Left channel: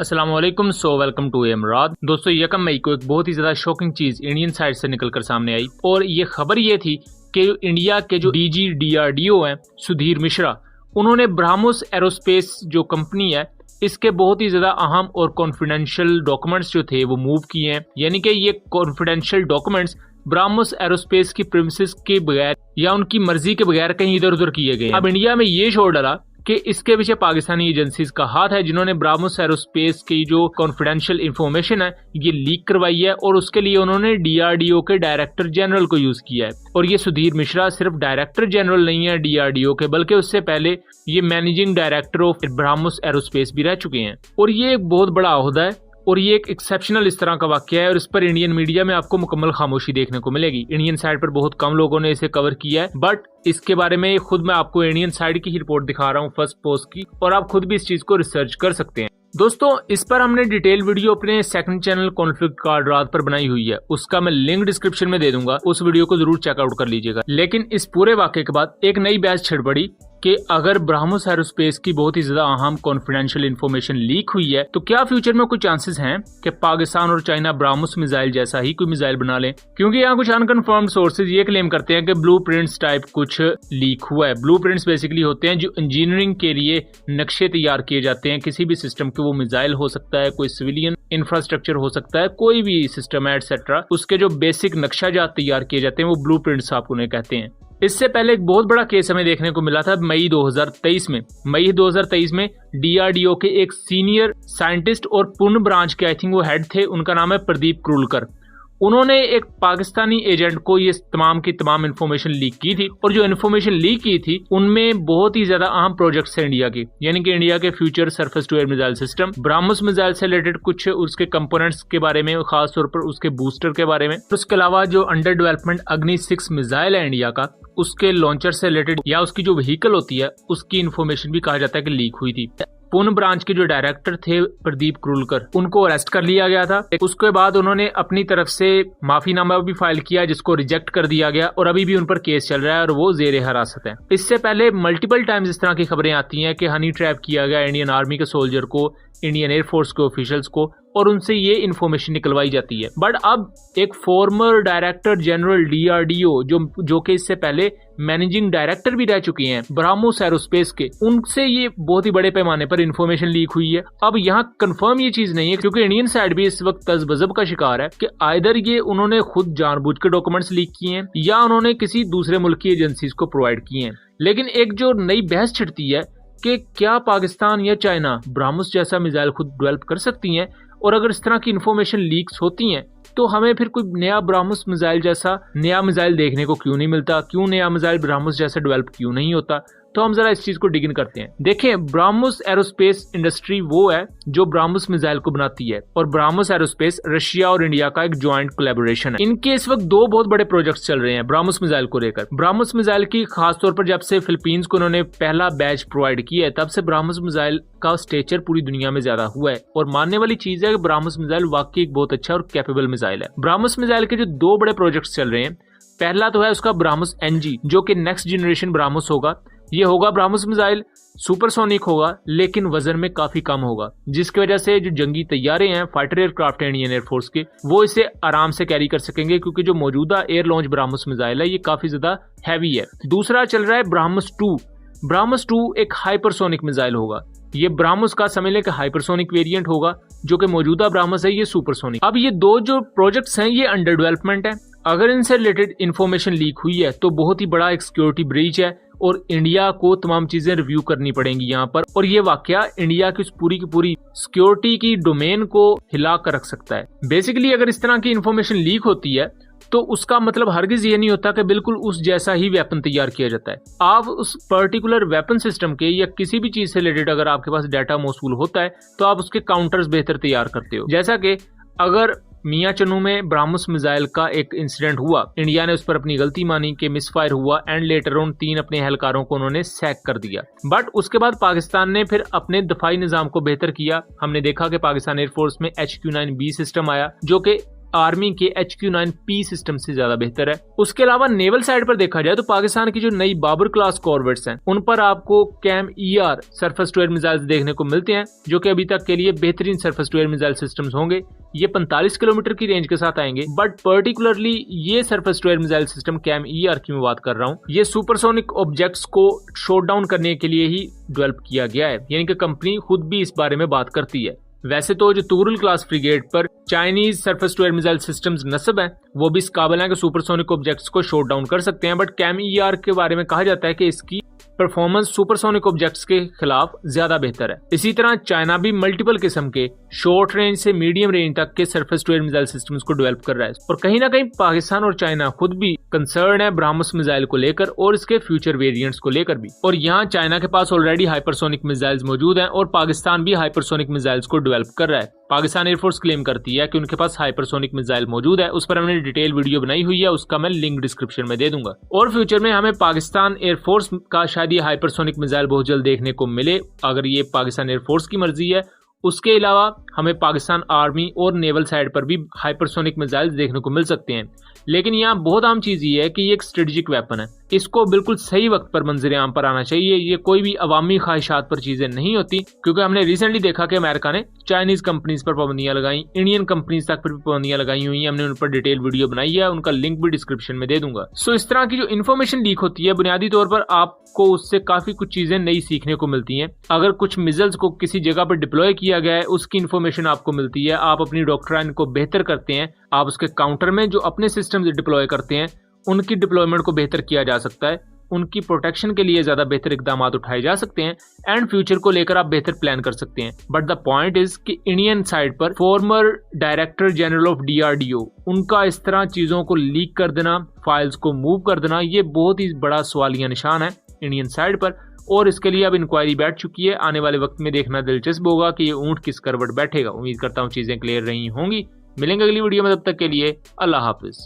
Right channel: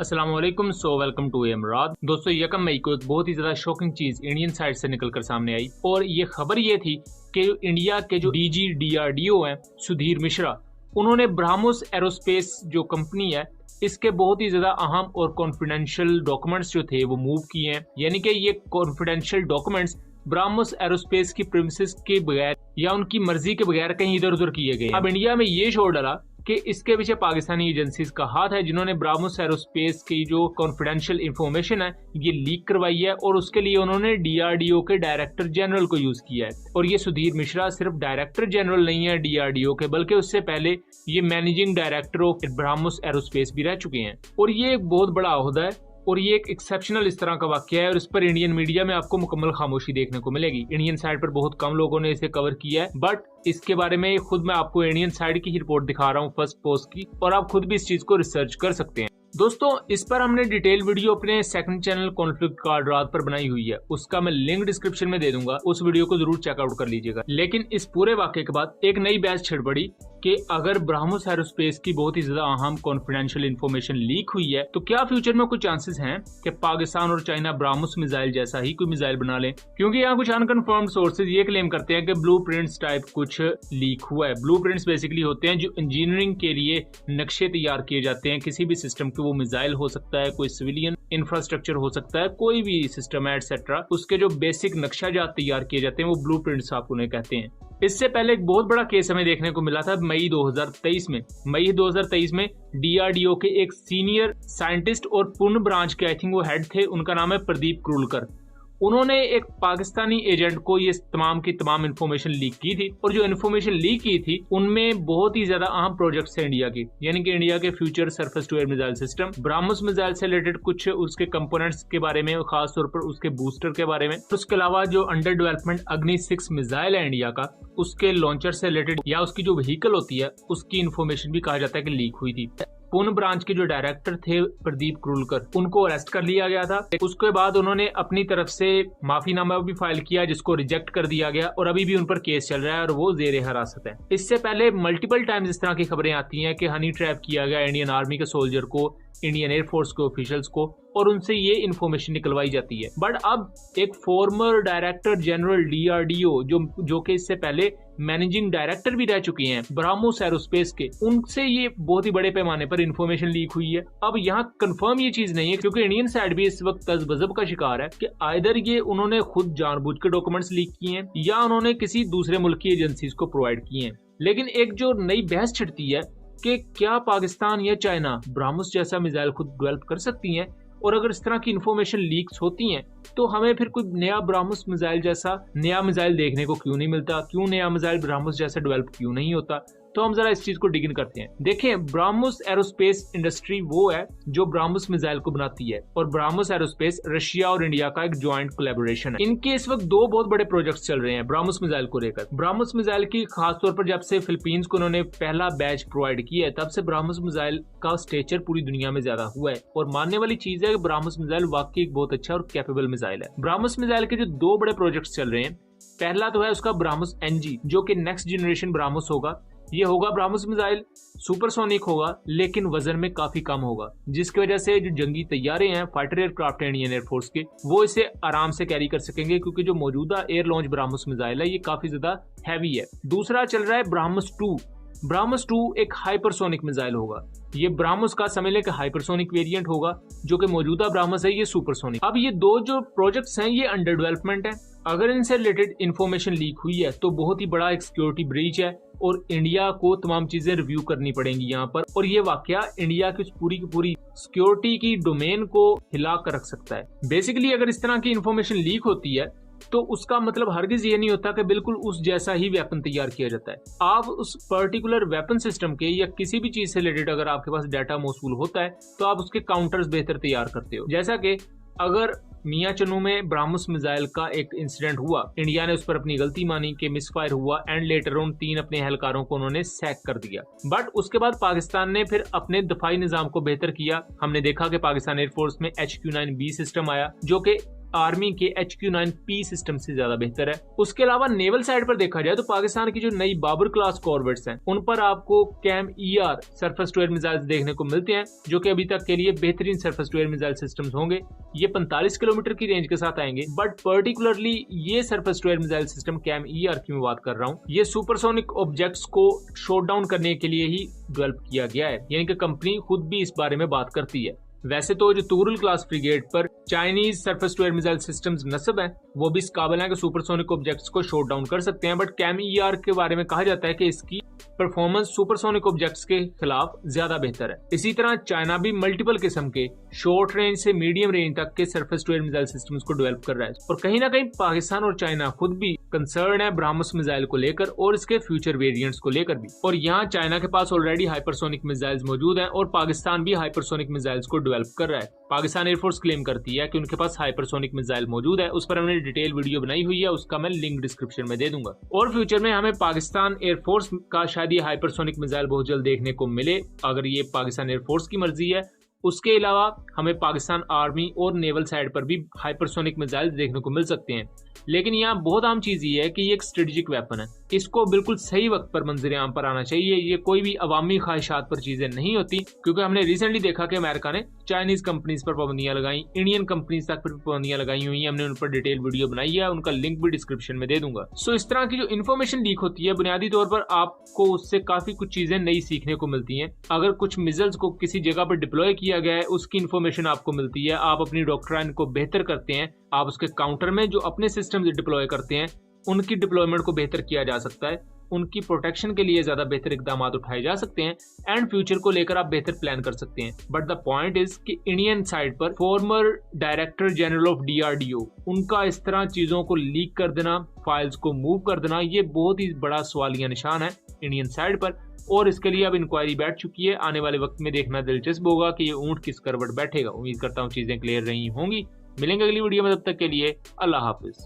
अस्सलाम वालेकुम। Welcome to इमराद। दोस्तों, 1 मई को एक बहुत ही ज़्यादा शॉकिंग चीज़ इंडियन साइड से निकलकर सामने आई और ये खबर ये थी कि इंडिया के जो डीजी DRDO हैं सुधीर मिश्रा, उन्होंने ब्रह्मोस एरोस्पेस जो कंपनी है इसके बहुत ही ज़्यादा अहम और कॉन्फिडेंशियल डॉक्यूमेंट्स जो थे वो मूव किए हैं। यानी कि ये कॉन्फिडेंशियल डॉक्यूमेंट्स ब्रह्मोस एरोस्पेस की प्रीमिसेस के बगैर या उनकी मर्जी के बगैर कहीं इधर उधर किए गए। अब इंडिया में ये शोर डाला कि इसके पीछे पाकिस्तानी एजेंसीज का हाथ है, जिन्होंने ब्रह्मोस एरोस्पेस की जो कॉन्फिडेंशियल इंफॉर्मेशन है ये लीक करवाई है और उसके लिए उन्होंने DRDO के डायरेक्टर जनरल को यूज किया है। और ये सुधीर मिश्रा सिर्फ डायरेक्टर जनरल नहीं है DRDO के, बल्कि उससे पहले ये managing director of BrahMos aerospace भी रह चुके हैं। और ये एक बहुत बड़ा ओहदा है और ये एक एक्सेप्शनल इस तरह का वाकया है और इस पर इंडियन मीडिया में आपको मुकम्मल खामोशी देखने को मिलेगी। इंडियन साइड पर बहुत कम लोगों ने इसे कवर किया है, बट इसके बारे में खुद मैं आपको इंडियन साइड की ही रिपोर्ट दिखा रहा हूँ फर्स्ट पोस्ट की, और आप खुद भी इस चीज को रिसर्च कर सकते हैं। दोस्तों, इस पर हमने डिटेल वीडियो अपने सेकंड चैनल कॉन्फ्लिक्ट कार्ड रात पर बनाई हुई है, उसका मैं लिंक डिस्क्रिप्शन में दे दूंगा, उस वीडियो को जरूर चेकआउट कर लीजिएगा। लेकिन इस पूरे वाकये के बाद एक नई बहस छिड़ पड़ी कि अगर ब्रह्मोस एरोस्पेस की बहुत ही ज्यादा अहम कॉन्फिडेंशियल इंफॉर्मेशन लीक हुई है तो क्या फ्यूचर में कुछ चांसेस हैं कि पाकिस्तान और चाइना ब्रह्मोस मिसाइल जैसा ही कोई मिसाइल बना ले। क्योंकि यहाँ कुछ अनकन्फर्म्ड सोर्सेज ये क्लेम करते हैं कि ब्लूप्रिंट्स टाइप कुछ लीक हुआ है। ब्लूप्रिंट्स बेसिकली होते हैं जो इंजीनियरिंग के लिए नक्शे तैयार किए जाते हैं किसी भी सिस्टम के। वो मिसाइल हो सकता है, कोई सिविलियन इंफ्रास्ट्रक्चर हो सकता है, कोई भी सिस्टम है एटसेट्रा, उसके जो बेसिक नक्शा जात तैयार किए जाते हैं वो ब्लूप्रिंट्स आप उन्हें कहते हैं। इससे पहले एक बहुत बड़ा केस हमें देखने को मिला था मई 2023 में DRDO के एक सीनियर साइंटिस्ट और पुणे ब्रांच के आई थिंक वो हेड थे, उनका नाम है प्रदीप क्रूलकर। उन्होंने एक पाकिस्तानी एजेंट को ये तमाम की तमाम इन्फॉर्मेशन लीक की थी और जो इन्फॉर्मेशन लीक की थी उनमें बहुत ही ज्यादा अहम प्रोजेक्ट्स हैं इंडिया की, यानी कि इंडिया के future surface to air missile system, BrahMos missile से रिलेटेड कुछ उसके कंपोनेंट्स के बारे में, खास तौर पर उसके बूस्टर के बारे में। उसके अलावा जो अंडर डेवलपमेंट अग्नि 6 मिसाइल है इंडिया का, उसके लॉन्चर से रिलेटेड या उसकी जो व्हीकल होती है उसकी इन्फॉर्मेशन भी कहा जाता है कि लीक हुई थी। पुणे ब्रांच के जो डायरेक्टर थे प्रदीप क्रूलकर, उनको अरेस्ट कर लिया गया था। उसके बाद उन्होंने अपनी तरफ से माफीनामा भी फाइल किया जिसको रिजेक्ट कर दिया गया और अभी भी उन पर केस चल रहा है और वो जेर हिरासत है। इससे पहले मल्टीपल टाइम्स इस तरह की खबरें आती हैं कि हनी ट्रैप किया गया इंडियन आर्मी के सोल्जर को, इंडियन एयरफोर्स के ऑफिशियल्स को, और उनसे ये इन्फॉर्मेशन निकलवाई जाती है। बट अब एक फॉर्मर डायरेक्टर जनरल DRDO जो कि इससे पहले मैनेजिंग डायरेक्टर भी रह चुके हैं ब्रह्मोस एरोस्पेस के, उनसे ये बहुत ही बड़े पैमाने पर इन्फॉर्मेशन लीक हुई है। अब यहाँ कंफर्म ये चीज नहीं है क्योंकि इंडियन साइड भी इस वक्त तज़बज़ब का शिकार है कि आइदर ये उन्होंने खुद जानबूझ के डॉक्यूमेंट्स लीक किए हैं या उन्होंने किसी दूसरे मुल्क की एजेंसीज को प्रोवाइड किए हैं। लेकिन एक जो नई बहस छिड़ती है कि क्या पाकिस्तान या चाइना ब्रह्मोस जैसा मिसाइल खुद डेवलप कर सकती हैं, और अगर इस तरह की इन्फॉर्मेशन लीक्स होती हैं तो हमें फिर कोई नया ब्रह्मोस मिसाइल जैसा नया मिसाइल देखने को क्यों नहीं मिलता, क्यों नया मिसाइल ब्रह्मोस जैसा डेवलप क्यों नहीं होता। तो हम जरा इस चीज को डिग इन करते हैं। देखें, ब्रह्मोस एरोस्पेस इंडस्ट्री वो है जो ब्रह्मोस मिसाइल को बनाती है और ब्रह्मोस एरोस्पेस रशिया और इंडिया का एक ज्वाइंट कोलैबोरेशन है। इनके इस वक्त दो बहुत बड़े प्रोजेक्ट्स चल रहे हैं ब्रह्मोस मिसाइल को लेकर। ब्रह्मोस मिसाइल की खास तौर पर जब से फिलीपींस को उन्होंने पहला बैच प्रोवाइड किया है तब से ब्रह्मोस मिसाइल का स्टेचर पूरी दुनिया में ज्यादा हुआ है और मानने वाली चीज है कि ब्रह्मोस मिसाइल वाकई एक बहुत अच्छा और कैपेबल मिसाइल है। ब्रह्मोस मिसाइल के जो दो बड़े प्रोजेक्ट्स चल रहे हैं, पहला तो है उसका ब्रह्मोस NG जो कि नेक्स्ट जनरेशन ब्रह्मोस होगा। ये होगा ब्रह्मोस मिसाइल, सुपरसोनिक होगा लेकिन वजन में काफी कम होगा, जिसकी वजह से जो जंगी तैयारे हैं, फाइटर एयरक्राफ्ट है इंडियन एयरफोर्स के, वो इसे आराम से कैरी कर सकेंगे क्योंकि जो मौजूदा एयर लॉन्च ब्रह्मोस मिसाइल है ये काफी ज्यादा हैवी है। दूसरा चल रहा है ब्रह्मोस 2। ब्रह्मोस 2 एक हाइपरसोनिक मिसाइल होगा। ये ब्रह्मोस का समझ लें कि हाइपरसोनिक वेरिएंट होगा, जो कि मौजूदा ब्रह्मोस है ये सुपरसोनिक। अब ये दो जो प्रोजेक्ट्स हैं ये अंडर डेवलपमेंट है। अगर इनसे रिलेटेड इन्फॉर्मेशन लीक हुई है तो बहुत ही बड़ा एक सिक्योरिटी ब्रीच है और इंडिया को तमाम चीजें रिव्यू करनी पड़ेंगी यहाँ पर, और ये वाकया इंडिया की पूरी सिक्योरिटी की डोमेन को हिला कर रख सकता है। बेसिकली अगर इस तरह की इन्फॉर्मेशन लीक होती है तो उसका मतलब हरगिज ये नहीं होता कि बिल्कुल उस जैसा ही वेपन तैयार किया जाता है। आप उस पर्टिकुलर वेपन सिस्टम के या किसी भी चीज से रिलेटेड अगर आपके पास डाटा मौसूल होता है तो आप उसके काउंटर्स बेहतर तैयार करते हो। जैसा कि अगर मियां चनू में ब्रह्मोस मिसाइल का एक इंसिडेंट हुआ, इंडिया ने उस पर अपनी गलती मानी कि मिसफायर हुआ एंड लेटर ऑन 3 अपने एहलकारों को उन्होंने सैक कर दिया। बट उसके बाद पाकिस्तान ने फिर अपने दफाई निजाम को बेहतर किया। हमने देखा कि पाकिस्तान एयरफोर्स में HQ-9B सिस्टम आया जो कि आर्मी के HQ-9P सिस्टम से ज्यादा बेहतर है। उसके अलावा नेवल साइड पर देखा जाए तो पाकिस्तान की जो नई बाबर क्लास कॉर्वेट्स हैं उन पर आपको CAM-ER surface to air missiles देखने को मिलते हैं, जो कि अभी तक के लिए बेहतरीन surface to air missile systems होंगे। ये 45 किलोमीटर की रेंज के साथ आएंगे, बट पर्टिकुलरली ये surface to air missile system CAM-ER की मैं बात कर रहा हूँ, ये सुपरसोनिक ऑब्जेक्ट्स को शॉट डाउन करने के लिए ही डेवलप किया गया है, यानी कि कंपनी खुद भी इस बारे में बात करती है। वैसे तो जो तुरुल क्लास फ्रिगेट पर Chinese surface to air missile systems नस्ब हैं, वो भी इस काबिल हैं कि सुपरसोनिक ऑब्जेक्ट्स को शॉट डाउन कर सकते हैं, बट CAM-ER के बारे में कहा जाता है कि इसकी परफॉर्मेंस सुपरसोनिक ऑब्जेक्ट्स के खिलाफ ज्यादा बेहतर है। इसी तरह चाइना भी मल्टीपल किस्म के शॉर्ट रेंज से मीडियम रेंज तक के surface to air missile systems को डेवलप कर रहा है, और कहीं ना कहीं पाकिस्तान और चाइना खुद भी कंसर्न है ब्रह्मोस मिसाइल को लेकर और इसके फ्यूचर वेरिएंट्स को लेकर भी। और यहाँ चाइना के पास ऑलरेडी हाइपरसोनिक मिसाइल्स मौजूद हैं और पाकिस्तान भी हाइपरसोनिक मिसाइल्स को डेवलप कर रहा है। पाकिस्तान एयरफोर्स क्लेम करती है कि उनके पास हाइपरसोनिक मिसाइल मौजूद है, उस पर हमने डिटेल वीडियो बनाई हुई है, उसका मैं लिंक डिस्क्रिप्शन में दे दूंगा। और फ्यूचर में हमें पाकिस्तान एयरफोर्स का शायद ये हाइपरसोनिक मिसाइल बहुत जल्द देखने को मिले, अगर ये पाकिस्तान एयरफोर्स की मर्जी है। उसके अलावा हमें पाकिस्तान आर्मी और नेवल साइड पर भी हाइपरसोनिक मिसाइल देखने को मिल सकते हैं। लेकिन यहाँ बहुत आम चीज ये है कि ये एक स्ट्रेटेजिक वेपन है, इसको बिल्कुल सही वक्त पर मंजर आम पर आना चाहिए। ये कोई भी अवामी ख्वाहिशात पर चीजें नहीं होती, क्योंकि हमने रिसेंटली देखा कि अमेरिका ने चाइनीज कंपनीज पर पाबंदियां लगाई, इंडियन कंपनीज तक पर भी पाबंदियां लगाई हुई हैं। हमने उन पर डिटेल वीडियो बनाई है, उनका लिंक भी डिस्क्रिप्शन में दे दूंगा। सो इस तरह की जो इन्फॉर्मेशन लीक होती है, बुनियादी तौर पर आपको उससे काफी कुछ चीजें नई सीखने को मिलती हैं। अगर कुछ मिसाइल्स को किसी जगह पर डिप्लॉय किया गया है, उसकी इन्फॉर्मेशन आपको मिलती है, आप अपनी डॉक्ट्राइन को बेहतर करते हैं, आप उसके काउंटर में जो अपने सिस्टम डिप्लॉय करते हैं उनकी डिप्लॉयमेंट को बेहतर किया जा सकता है, उनकी प्रोटेक्शन के लिए ज्यादा बेहतर इकदाम उठाए जा सकते हैं, एंड फ्यूचर को लेकर आप बेहतर प्लान कर सकते हैं। बट द पॉइंट इज कि इंडियन साइड पर farmer director general of DRDO उनका इस तरह चीजों को लीक कर देना, फाइल्स को मूव कर देना, ये बहुत ही बड़ा सवालिया निशान है इंडियन साइड पर, और इसके लिए अब इंक्वायरी बैठ चुकी है। आने वाले वक्त में देखना दिलचस्प होगा कि ये ऊंट किस करवट बैठेगा। उम्मीद करता हूँ चीजें क्लियर रही होंगी। मिलेंगे अगली वीडियो में, तब तक के लिए अल्लाह हाफिज।